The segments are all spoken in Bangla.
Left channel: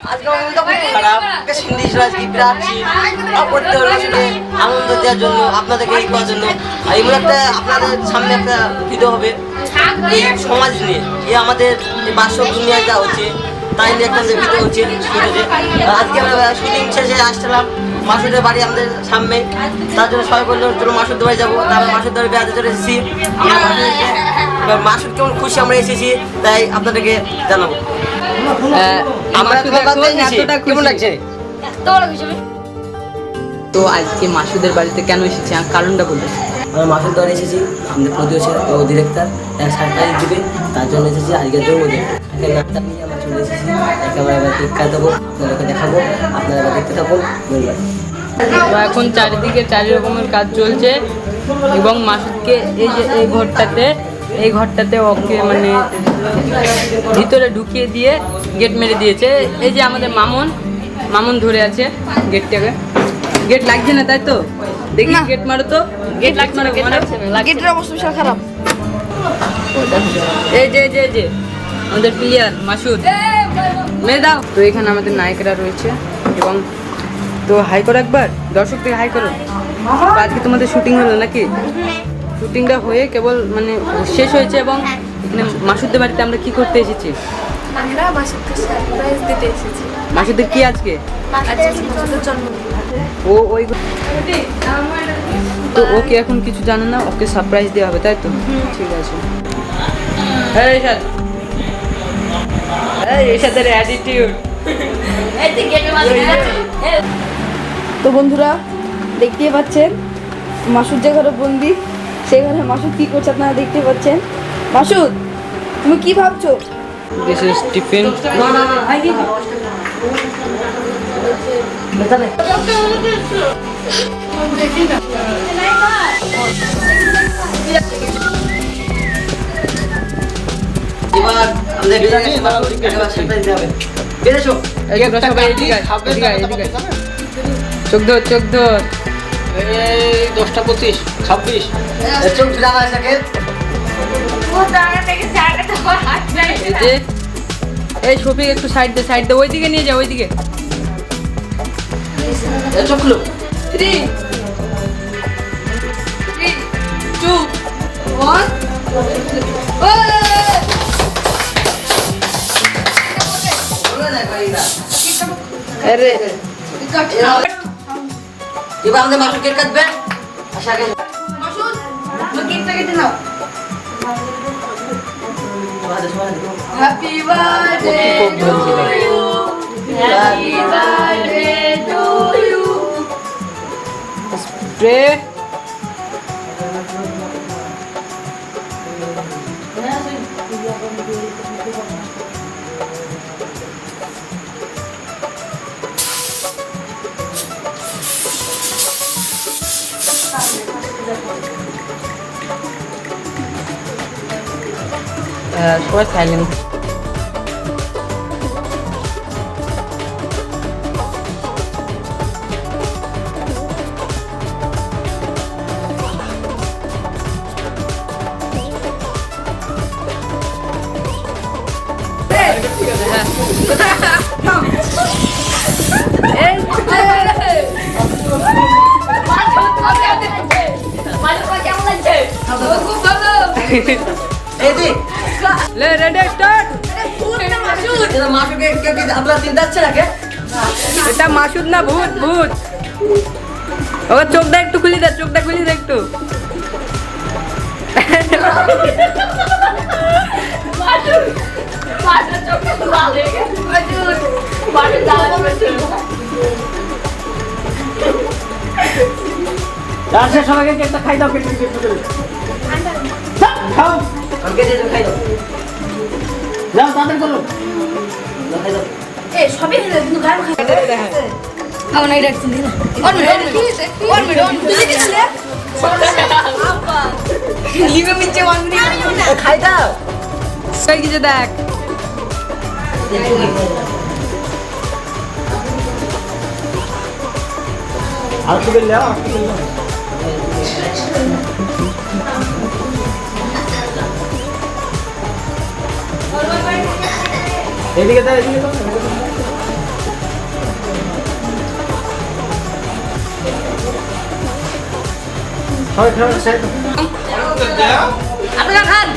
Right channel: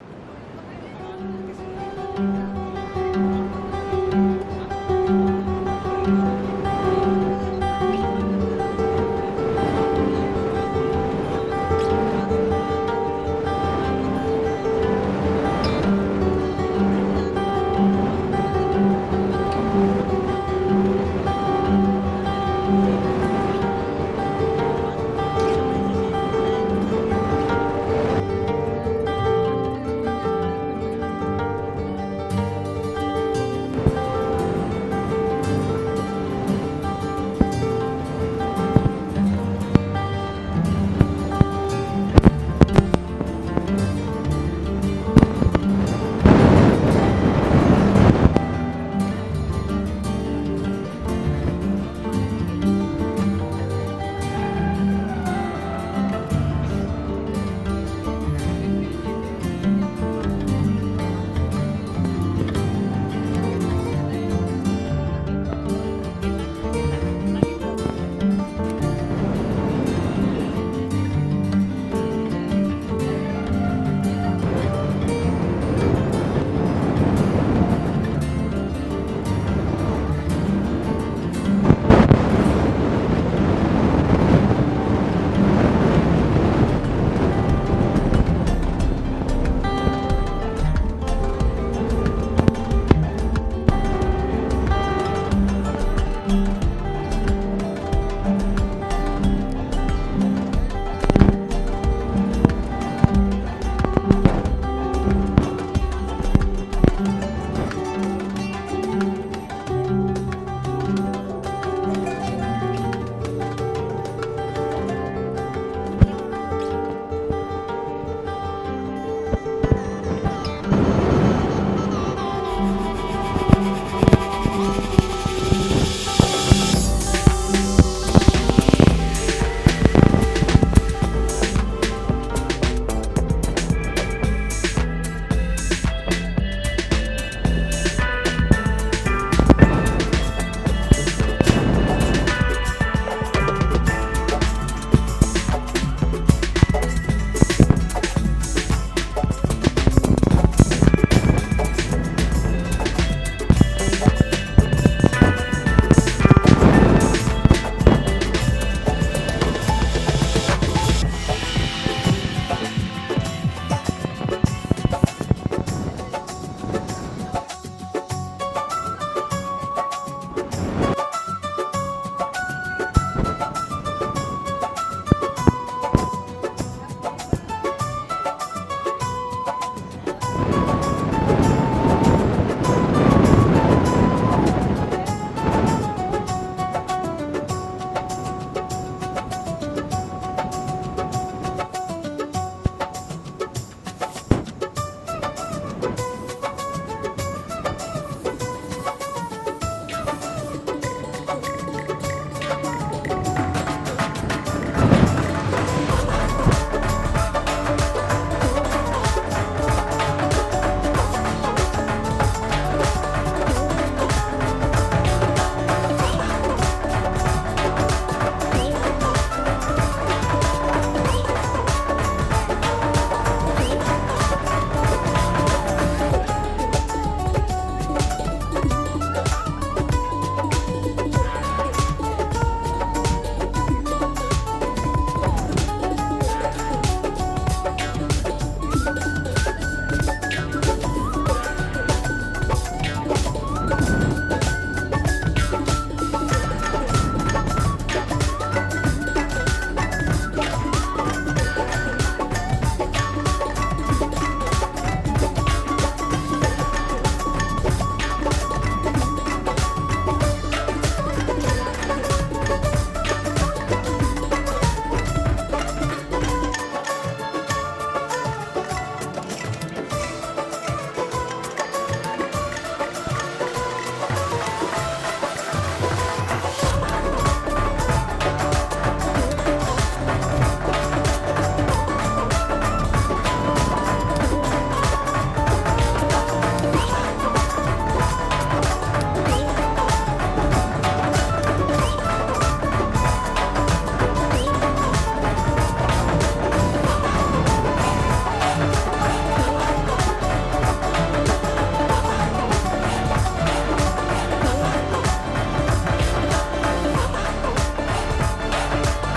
আজকে খারাপ। সিন্ধি আজকে আনন্দ দেওয়ার জন্য আপনাদেরকে এই করার জন্য। আর আপনাদের সামনে একটা ভিডিও হবে। এই সমাজ নিয়ে। এই আমাদের যে বাস্তব দুনিয়ায় যা হচ্ছে, তাই নিয়ে একটা ভিডিও হচ্ছে আজকে আমরা শুটিং শেষে আসছিলাম মাসুদের বাড়ি আমাদের সামনে। তার জন্য সবাই বলল, চলো মাসুদ বাড়ি যাব। তারপর মাসুদ বাড়ি বেড়াতে চলে এসেছি। মাসুদ কেমন খুশি আমরা এসেছি, তাই আপনাদেরকে জানাব। আমরা। কেমন লাগছে? তো আজকে মাসুদের বাড়িতে কেন এসেছি? আর কারণটা বলতে আমরা মাসুদ বাড়ি এসেছি। আমাদের প্রডিউসার ও ডিরেক্টর এক সারপ্রাইজ দিবে। তার জন্য এসেছি আজকের জন্য এখানে নাটক নিয়ে আমরা চলে এসেছি। একেবারে এবার টিকা দেবো তোমাকে দেখাবো আপনারা দেখতে থাকুন তো এখন চারিদিকে চারি রকমের কাজ চলছে এবং মাসুদকে এই যে এই ঘরটাতে এই ঘরটাতে ওকে মানে ভিতরে ঢুকিয়ে দিয়ে গেট মেরে দিয়েছে। এই যে আমাদের মামুন মামুন ধরে আছে গেটটাকে গেট লাগছে না তাই তো? দেখি গেট মারো তো। গেট লাগছে না গেট লাগছে না। গেটের অবস্থা বিশাল খারাপ। এই যে যে যে। আমাদের প্লেয়ার মাসুদ। মেরে দাও। তো এখানে আমাদের নায়িকারা রয়েছে এবং তো হাই করো একবার। দর্শকদের হাই করো। আজকে তোমাদের শুটিং হলো নাকি? শুটিংটা হয়ে কেবল মানে শেষ হয়েছে এবং মানে মাসুদদের বাড়িতে আমরা কি করতে এসেছি? আমরা মাসুদকে সারপ্রাইজ দিতে এসেছি। মাসুদের কি আজকে? ও ওই তো ও কি এখন কিছু জানে না ওকে সারপ্রাইজ দেওয়া হবে তাই তো? ঠিক আছে। হ্যাঁ রেশাদ রেশাদের অ্যাটিটিউড তো বন্ধুরা দেখতেই পাচ্ছেন মাসুর যে ঘরে বন্দি সেই ঘরে মাসুদ কি করছে আপনারা দেখতে পাচ্ছেন? মাসুদ তুমি কি ভাবছ? This is tiffin. চোখ ধর চোখ ধর। দশটা পঁচিশ ছাব্বিশ। চোখ যে, এই শফিক একটু সাইড দে সাইড দে, ওইদিকে নিয়ে যা, ওইদিকে। আরে, এবার আমাদের মাসুদ কেক কাটবে? আশা করি। Happy birthday to you Spray. Uh, what kind লে রেডি স্টার্ট এটা মাসুদ না কে এটা মাসুদ না ভূত ভূত। ওর চোখটা একটু খুলি দে চোখটা খুলি দে একটু। সবাইকে কেকটা খাই দাও তাড়াতাড়ি করো। সবই হয়ে কিন্তু খাই আমার নাই রাখছি না লিভে ওয়ান মিনিট খাই দাও। কিছু দেখ। আর কি বললে? এদিকে আপনারা খান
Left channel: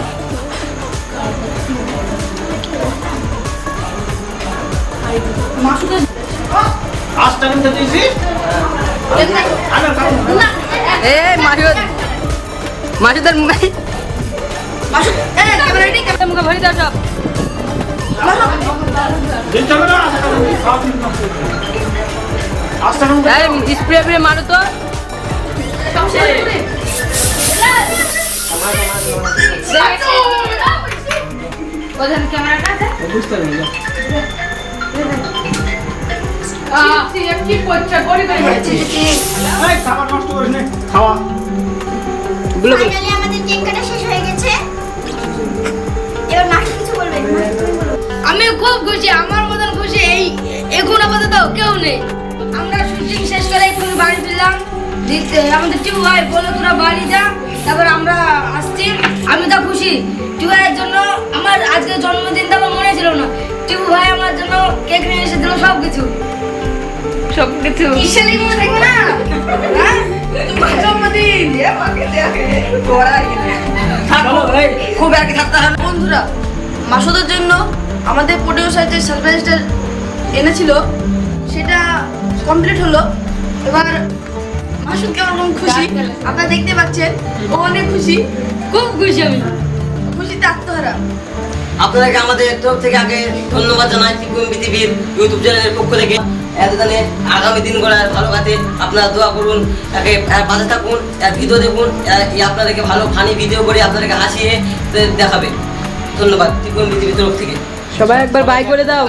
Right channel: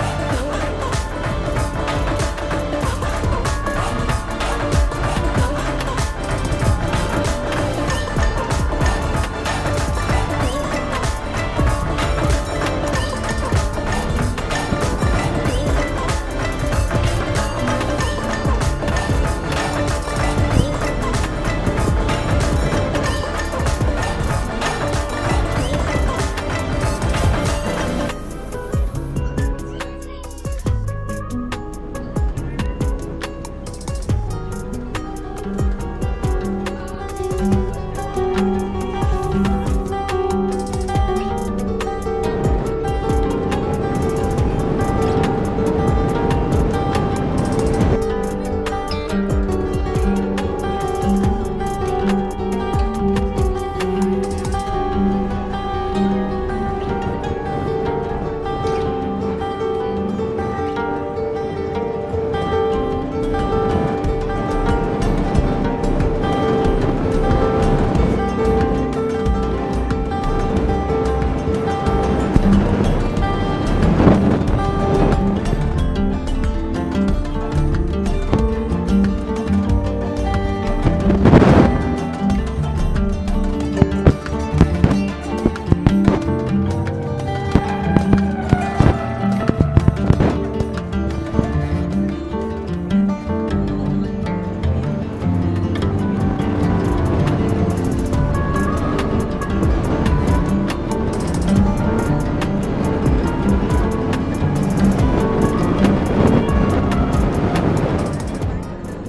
মাসুদের মুখে মাসুদ এই ক্যামেরাটি ক্যামেরা মুখে ভরে দাও সব স্প্রে স্প্রে মারো তো। আমাদের কেক কাটা শেষ আমাদের টিপু ভাই বলে তোরা বাড়ি যা তারপর আমরা আসছি। আমি তো খুশি। টিপু ভাইয়ের জন্য আমার আজকে জন্মদিনটা আমার মনে ছিল না। টিপু ভাই আমার জন্য কেক নিয়ে এসেছিল সব কিছু সব কিছু ঈশ্বরী মনে থাকবে না? হ্যাঁ? তোমার জন্মদিন। খুব কি থাকতে হবে। বন্ধুরা মাসুদের জন্য আমাদের প্রডিউসার যে সারপ্রাইজটা এনেছিল। সেটা কমপ্লিট হলো। এবার কেমন খুশি? আপনারা দেখতে পাচ্ছেন ও অনেক খুশি। খুব খুশি আমি। খুশিতে আত্মহারা। আপনাদেরকে আমাদের তরফ থেকে আগে ধন্যবাদ জানাই ত্রিকোণ পৃথিবীর ইউটিউব চ্যানেলের পক্ষ থেকে। এতদিনে আগামী দিনগুলো ভালো কাটে আপনারা দোয়া করুন তাকে পাশে থাকুন আর ভিডিও দেখুন আপনাদেরকে ভালো ফানি ভিডিও করে আপনাদেরকে হাসিয়ে দেখাবে। ধন্যবাদ ত্রিকোণ পৃথিবীর তরফ থেকে। সবাই একবার বাই করে দাও।